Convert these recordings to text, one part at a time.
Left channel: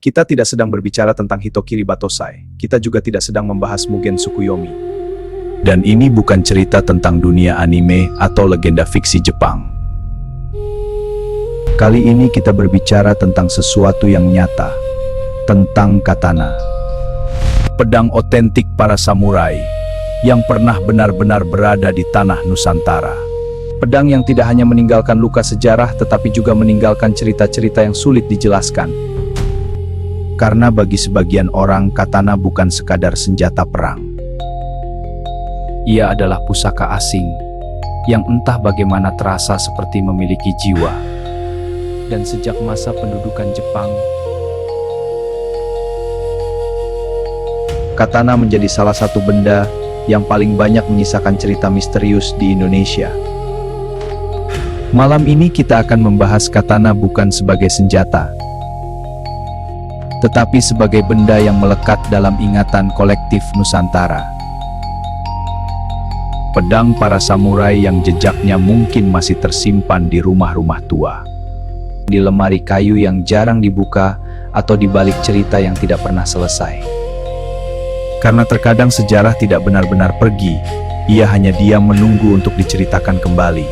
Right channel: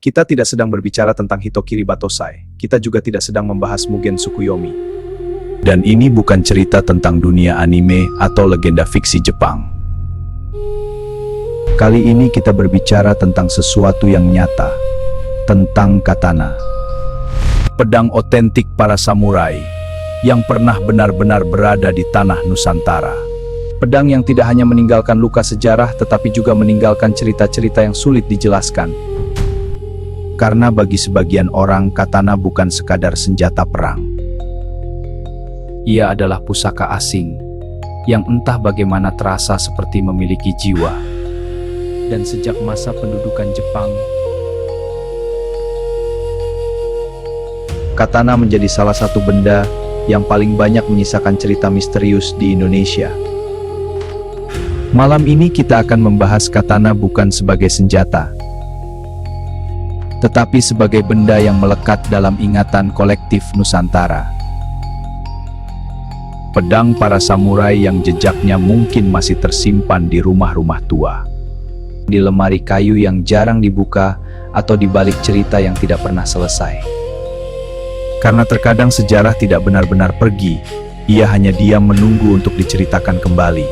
Kita tidak sedang berbicara tentang Hitokiri Batosai. Kita juga tidak sedang membahas Mugen Tsukuyomi. Dan ini bukan cerita tentang dunia anime atau legenda fiksi Jepang. Kali ini kita berbicara tentang sesuatu yang nyata, tentang katana. Pedang otentik para samurai yang pernah benar-benar berada di tanah Nusantara. Pedang yang tidak hanya meninggalkan luka sejarah, tetapi juga meninggalkan cerita-cerita yang sulit dijelaskan. Karena bagi sebagian orang, katana bukan sekadar senjata perang. Ia adalah pusaka asing yang entah bagaimana terasa seperti memiliki jiwa. Dan sejak masa pendudukan Jepang, katana menjadi salah satu benda yang paling banyak menyisakan cerita misterius di Indonesia. Malam ini kita akan membahas katana bukan sebagai senjata, tetapi sebagai benda yang melekat dalam ingatan kolektif Nusantara. Pedang para samurai yang jejaknya mungkin masih tersimpan di rumah-rumah tua, di lemari kayu yang jarang dibuka, atau di balik cerita yang tidak pernah selesai. Karena terkadang sejarah tidak benar-benar pergi, ia hanya diam menunggu untuk diceritakan kembali.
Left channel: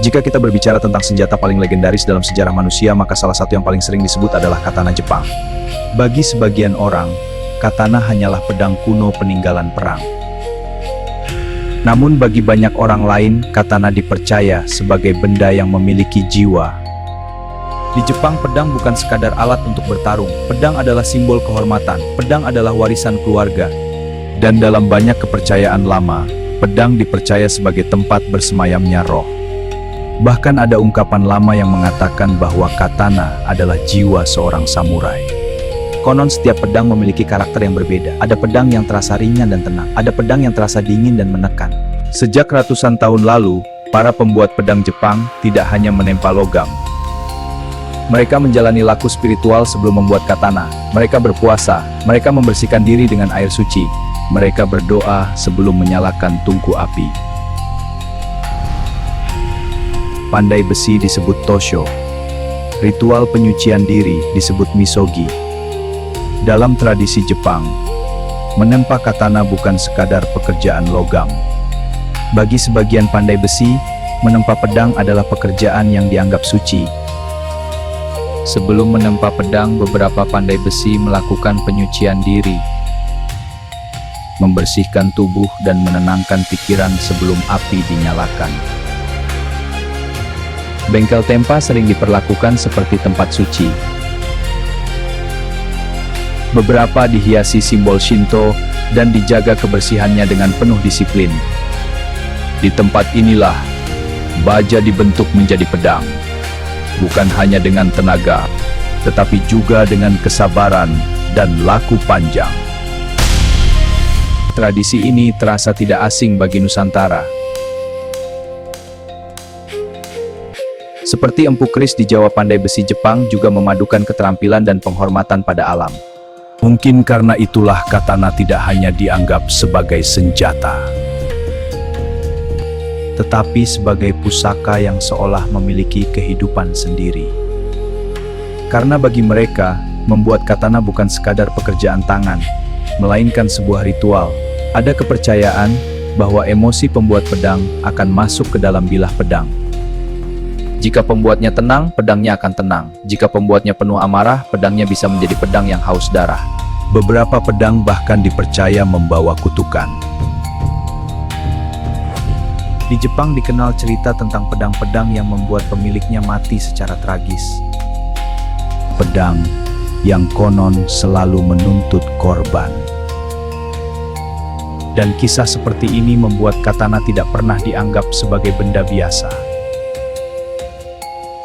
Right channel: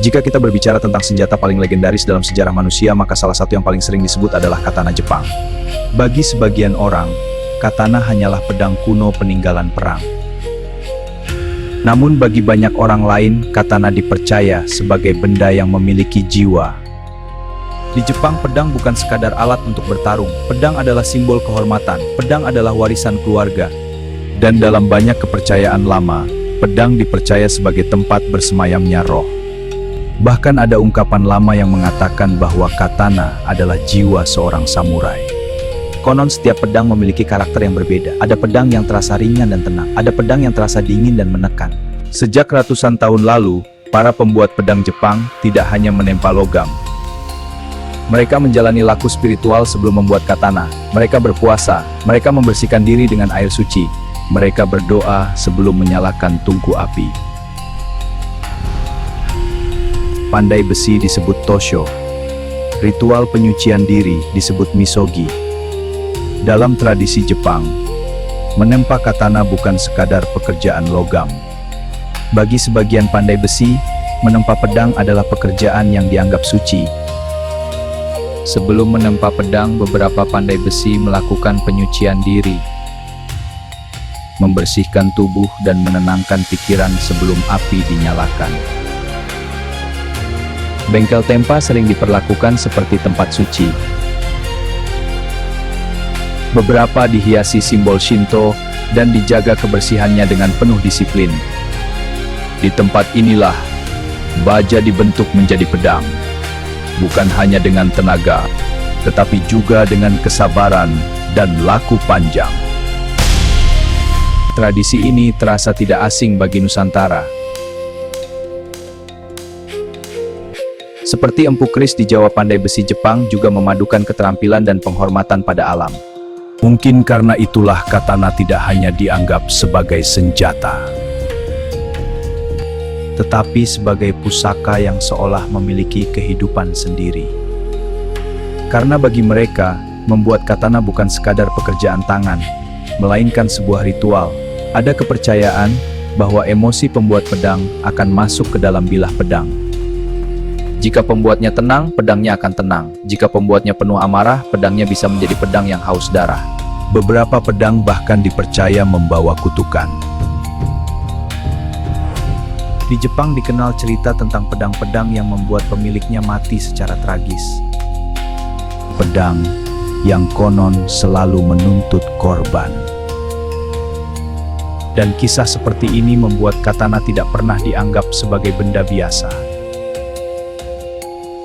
Jika kita berbicara tentang senjata paling legendaris dalam sejarah manusia, maka salah satu yang paling sering disebut adalah katana Jepang. Bagi sebagian orang, katana hanyalah pedang kuno peninggalan perang. Namun bagi banyak orang lain, katana dipercaya sebagai benda yang memiliki jiwa. Di Jepang, pedang bukan sekadar alat untuk bertarung. Pedang adalah simbol kehormatan. Pedang adalah warisan keluarga. Dan dalam banyak kepercayaan lama, pedang dipercaya sebagai tempat bersemayamnya roh. Bahkan ada ungkapan lama yang mengatakan bahwa katana adalah jiwa seorang samurai. Konon setiap pedang memiliki karakter yang berbeda. Ada pedang yang terasa ringan dan tenang. Ada pedang yang terasa dingin dan menekan. Sejak ratusan tahun lalu, para pembuat pedang Jepang tidak hanya menempa logam. Mereka menjalani laku spiritual sebelum membuat katana. Mereka berpuasa. Mereka membersihkan diri dengan air suci. Mereka berdoa sebelum menyalakan tungku api. Pandai besi disebut tosho. Ritual penyucian diri disebut misogi. Dalam tradisi Jepang, menempa katana bukan sekadar pekerjaan logam. Bagi sebagian pandai besi, menempa pedang adalah pekerjaan yang dianggap suci. Sebelum menempa pedang, beberapa pandai besi melakukan penyucian diri, membersihkan tubuh dan menenangkan pikiran sebelum api dinyalakan. Bengkel tempa sering diperlakukan seperti tempat suci. Beberapa dihiasi simbol Shinto dan dijaga kebersihannya dengan penuh disiplin. Di tempat inilah, baja dibentuk menjadi pedang. Bukan hanya dengan tenaga, tetapi juga dengan kesabaran dan laku panjang. Tradisi ini terasa tidak asing bagi Nusantara. Seperti empu keris di Jawa, pandai besi Jepang juga memadukan keterampilan dan penghormatan pada alam. Mungkin karena itulah katana tidak hanya dianggap sebagai senjata, tetapi sebagai pusaka yang seolah memiliki kehidupan sendiri. Karena bagi mereka, membuat katana bukan sekadar pekerjaan tangan, melainkan sebuah ritual. Ada kepercayaan bahwa emosi pembuat pedang akan masuk ke dalam bilah pedang. Jika pembuatnya tenang, pedangnya akan tenang. Jika pembuatnya penuh amarah, pedangnya bisa menjadi pedang yang haus darah. Beberapa pedang bahkan dipercaya membawa kutukan. Di Jepang dikenal cerita tentang pedang-pedang yang membuat pemiliknya mati secara tragis. Pedang yang konon selalu menuntut korban. Dan kisah seperti ini membuat katana tidak pernah dianggap sebagai benda biasa.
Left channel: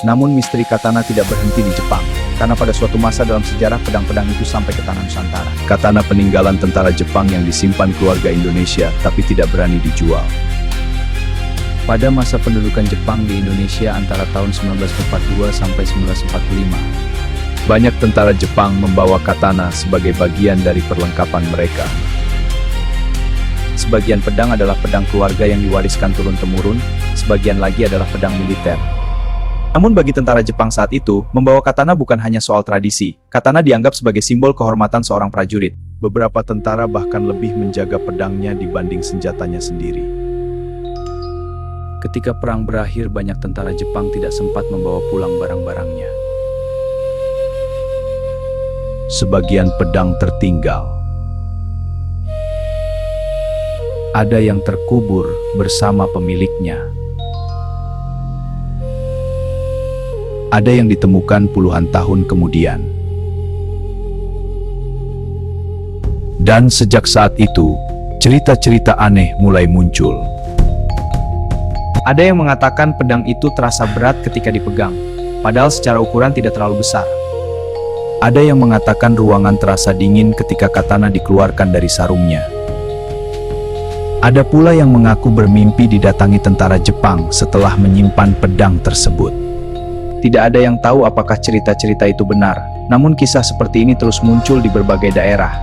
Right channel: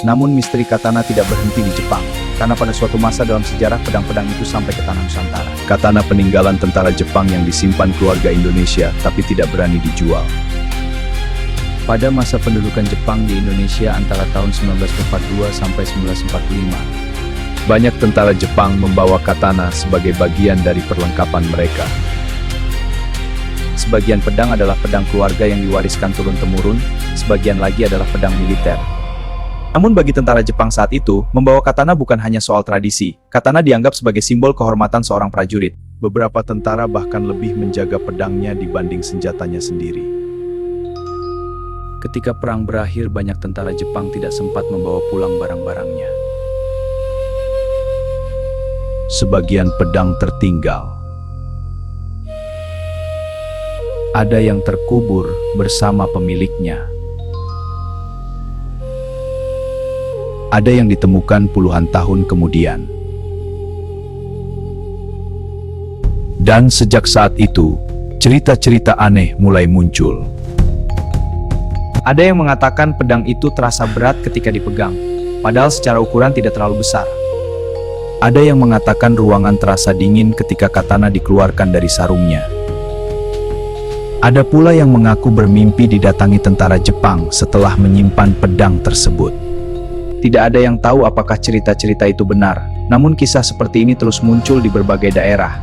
Namun misteri katana tidak berhenti di Jepang, karena pada suatu masa dalam sejarah pedang-pedang itu sampai ke tanah Nusantara. Katana peninggalan tentara Jepang yang disimpan keluarga Indonesia, tapi tidak berani dijual. Pada masa pendudukan Jepang di Indonesia antara tahun 1942 sampai 1945, banyak tentara Jepang membawa katana sebagai bagian dari perlengkapan mereka. Sebagian pedang adalah pedang keluarga yang diwariskan turun-temurun, sebagian lagi adalah pedang militer. Namun bagi tentara Jepang saat itu, membawa katana bukan hanya soal tradisi. Katana dianggap sebagai simbol kehormatan seorang prajurit. Beberapa tentara bahkan lebih menjaga pedangnya dibanding senjatanya sendiri. Ketika perang berakhir, banyak tentara Jepang tidak sempat membawa pulang barang-barangnya. Sebagian pedang tertinggal. Ada yang terkubur bersama pemiliknya. Ada yang ditemukan puluhan tahun kemudian. Dan sejak saat itu, cerita-cerita aneh mulai muncul. Ada yang mengatakan pedang itu terasa berat ketika dipegang, padahal secara ukuran tidak terlalu besar. Ada yang mengatakan ruangan terasa dingin ketika katana dikeluarkan dari sarungnya. Ada pula yang mengaku bermimpi didatangi tentara Jepang setelah menyimpan pedang tersebut. Tidak ada yang tahu apakah cerita-cerita itu benar, namun kisah seperti ini terus muncul di berbagai daerah.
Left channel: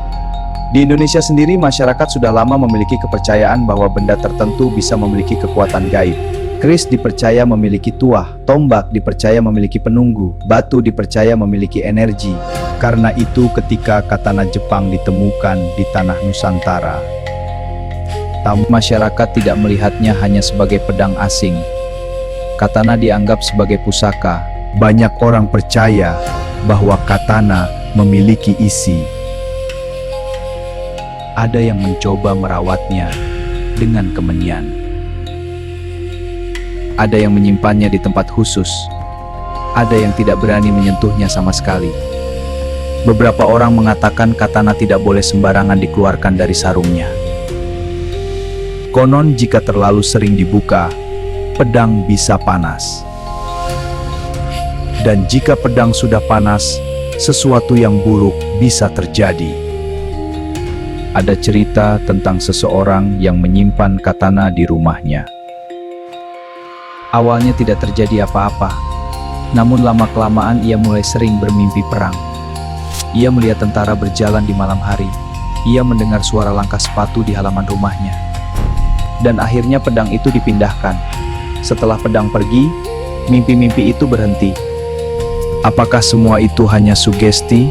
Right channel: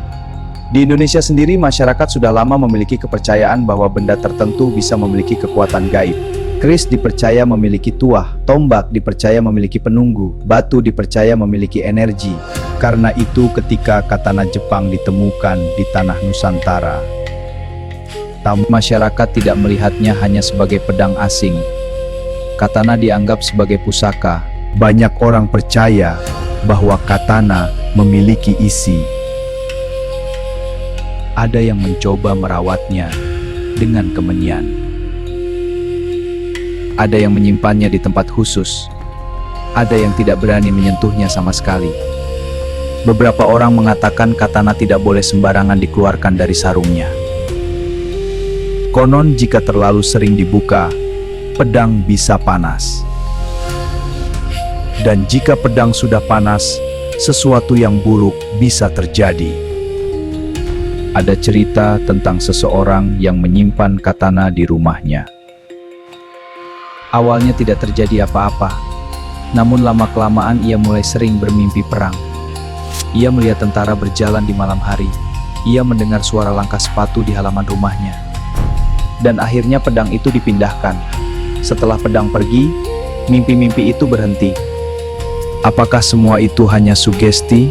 Di Indonesia sendiri, masyarakat sudah lama memiliki kepercayaan bahwa benda tertentu bisa memiliki kekuatan gaib. Keris dipercaya memiliki tuah, tombak dipercaya memiliki penunggu, batu dipercaya memiliki energi. Karena itu ketika katana Jepang ditemukan di tanah Nusantara, masyarakat tidak melihatnya hanya sebagai pedang asing. Katana dianggap sebagai pusaka. Banyak orang percaya bahwa katana memiliki isi. Ada yang mencoba merawatnya dengan kemenian. Ada yang menyimpannya di tempat khusus. Ada yang tidak berani menyentuhnya sama sekali. Beberapa orang mengatakan katana tidak boleh sembarangan dikeluarkan dari sarungnya. Konon jika terlalu sering dibuka, pedang bisa panas. Dan jika pedang sudah panas, sesuatu yang buruk bisa terjadi. Ada cerita tentang seseorang yang menyimpan katana di rumahnya. Awalnya tidak terjadi apa-apa, namun lama-kelamaan ia mulai sering bermimpi perang. Ia melihat tentara berjalan di malam hari. Ia mendengar suara langkah sepatu di halaman rumahnya. Dan akhirnya pedang itu dipindahkan. Setelah pedang pergi, mimpi-mimpi itu berhenti. Apakah semua itu hanya sugesti?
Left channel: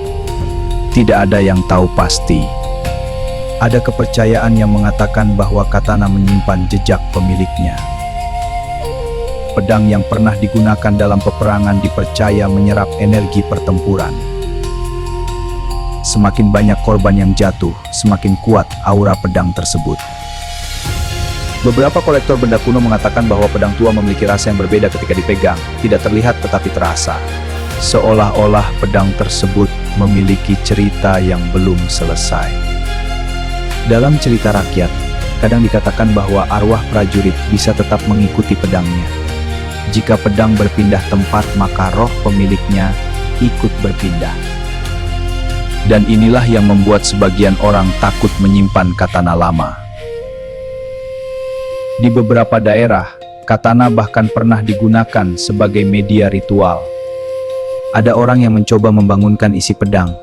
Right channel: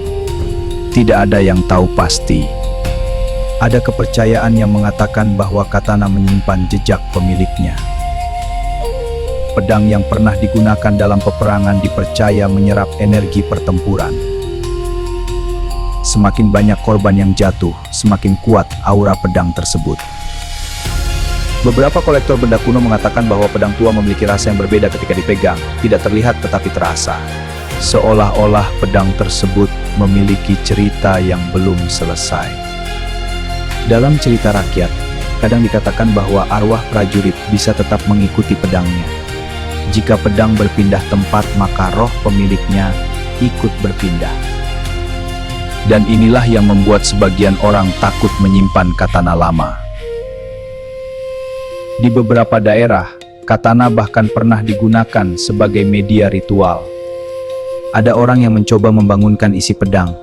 Tidak ada yang tahu pasti. Ada kepercayaan yang mengatakan bahwa katana menyimpan jejak pemiliknya. Pedang yang pernah digunakan dalam peperangan dipercaya menyerap energi pertempuran. Semakin banyak korban yang jatuh, semakin kuat aura pedang tersebut. Beberapa kolektor benda kuno mengatakan bahwa pedang tua memiliki rasa yang berbeda ketika dipegang, tidak terlihat tetapi terasa. Seolah-olah pedang tersebut memiliki cerita yang belum selesai. Dalam cerita rakyat, kadang dikatakan bahwa arwah prajurit bisa tetap mengikuti pedangnya. Jika pedang berpindah tempat, maka roh pemiliknya ikut berpindah. Dan inilah yang membuat sebagian orang takut menyimpan katana lama. Di beberapa daerah, katana bahkan pernah digunakan sebagai media ritual. Ada orang yang mencoba membangunkan isi pedang.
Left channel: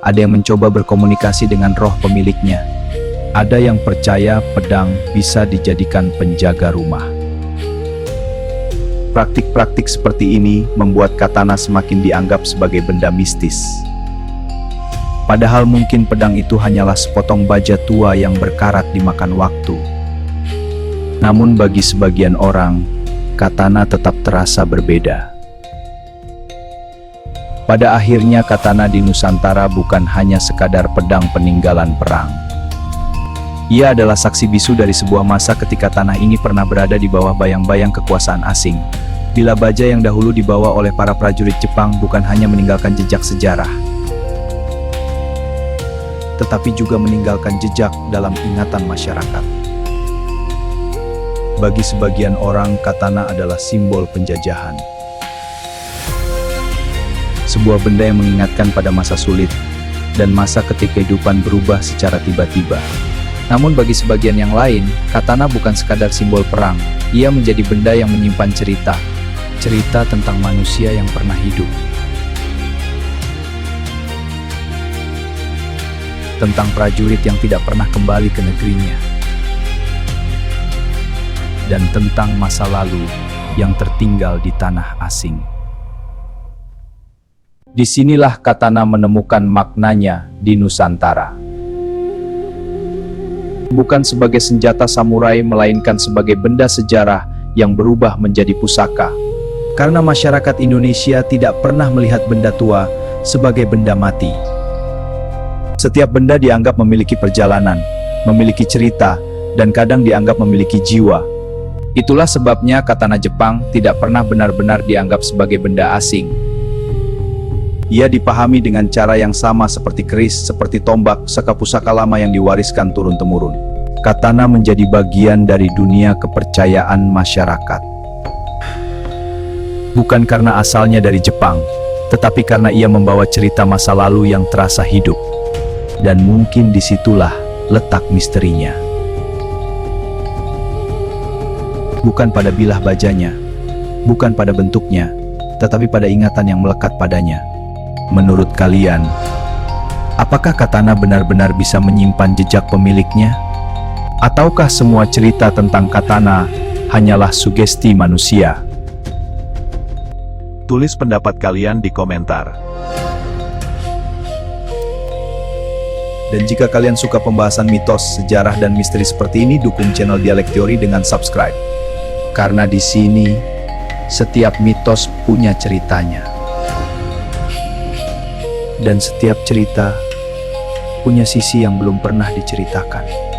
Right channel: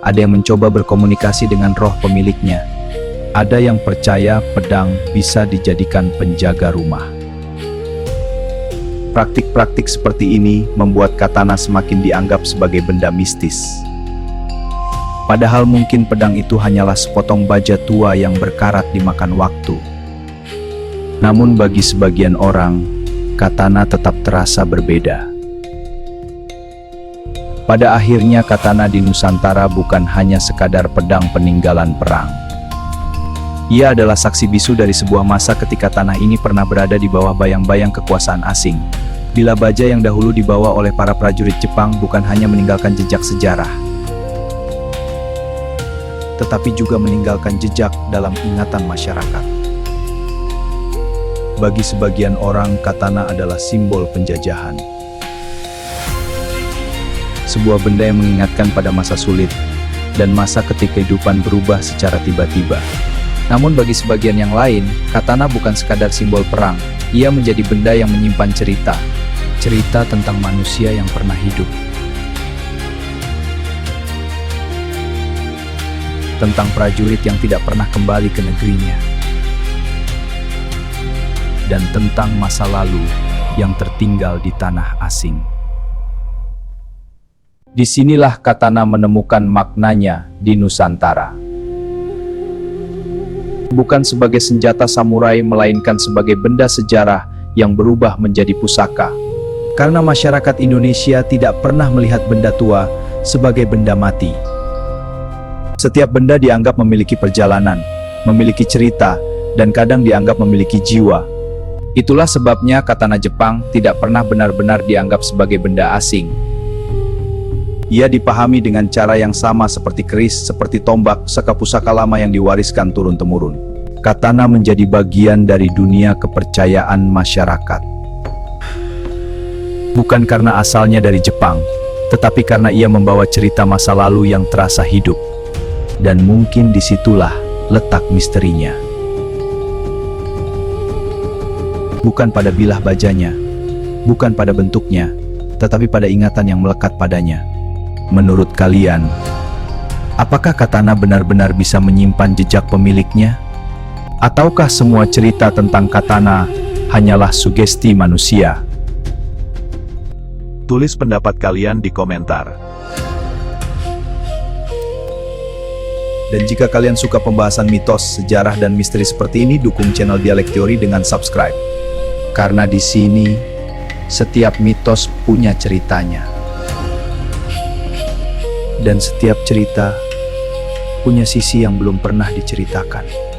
Ada yang mencoba berkomunikasi dengan roh pemiliknya. Ada yang percaya pedang bisa dijadikan penjaga rumah. Praktik-praktik seperti ini membuat katana semakin dianggap sebagai benda mistis. Padahal mungkin pedang itu hanyalah sepotong baja tua yang berkarat dimakan waktu. Namun bagi sebagian orang, katana tetap terasa berbeda. Pada akhirnya katana di Nusantara bukan hanya sekadar pedang peninggalan perang. Ia adalah saksi bisu dari sebuah masa ketika tanah ini pernah berada di bawah bayang-bayang kekuasaan asing. Bila baja yang dahulu dibawa oleh para prajurit Jepang bukan hanya meninggalkan jejak sejarah, tetapi juga meninggalkan jejak dalam ingatan masyarakat. Bagi sebagian orang, katana adalah simbol penjajahan. Sebuah benda yang mengingatkan pada masa sulit, dan masa ketika kehidupan berubah secara tiba-tiba. Namun bagi sebagian yang lain, katana bukan sekadar simbol perang. Ia menjadi benda yang menyimpan cerita. Cerita tentang manusia yang pernah hidup. Tentang prajurit yang tidak pernah kembali ke negerinya. Dan tentang masa lalu yang tertinggal di tanah asing. Disinilah katana menemukan maknanya di Nusantara. Bukan sebagai senjata samurai, melainkan sebagai benda sejarah yang berubah menjadi pusaka. Karena masyarakat Indonesia tidak pernah melihat benda tua sebagai benda mati. Setiap benda dianggap memiliki perjalanan, memiliki cerita, dan kadang dianggap memiliki jiwa. Itulah sebabnya katana Jepang tidak pernah benar-benar dianggap sebagai benda asing. Ia dipahami dengan cara yang sama seperti keris, seperti tombak, saka-pusaka lama yang diwariskan turun-temurun. Katana menjadi bagian dari dunia kepercayaan masyarakat. Bukan karena asalnya dari Jepang, tetapi karena ia membawa cerita masa lalu yang terasa hidup. Dan mungkin disitulah letak misterinya. Bukan pada bilah bajanya, bukan pada bentuknya, tetapi pada ingatan yang melekat padanya. Menurut kalian, apakah katana benar-benar bisa menyimpan jejak pemiliknya? Ataukah semua cerita tentang katana hanyalah sugesti manusia? Tulis pendapat kalian di komentar. Dan jika kalian suka pembahasan mitos, sejarah, dan misteri seperti ini, dukung channel Dialek Teori dengan subscribe. Karena di sini, setiap mitos punya ceritanya. Dan setiap cerita punya sisi yang belum pernah diceritakan.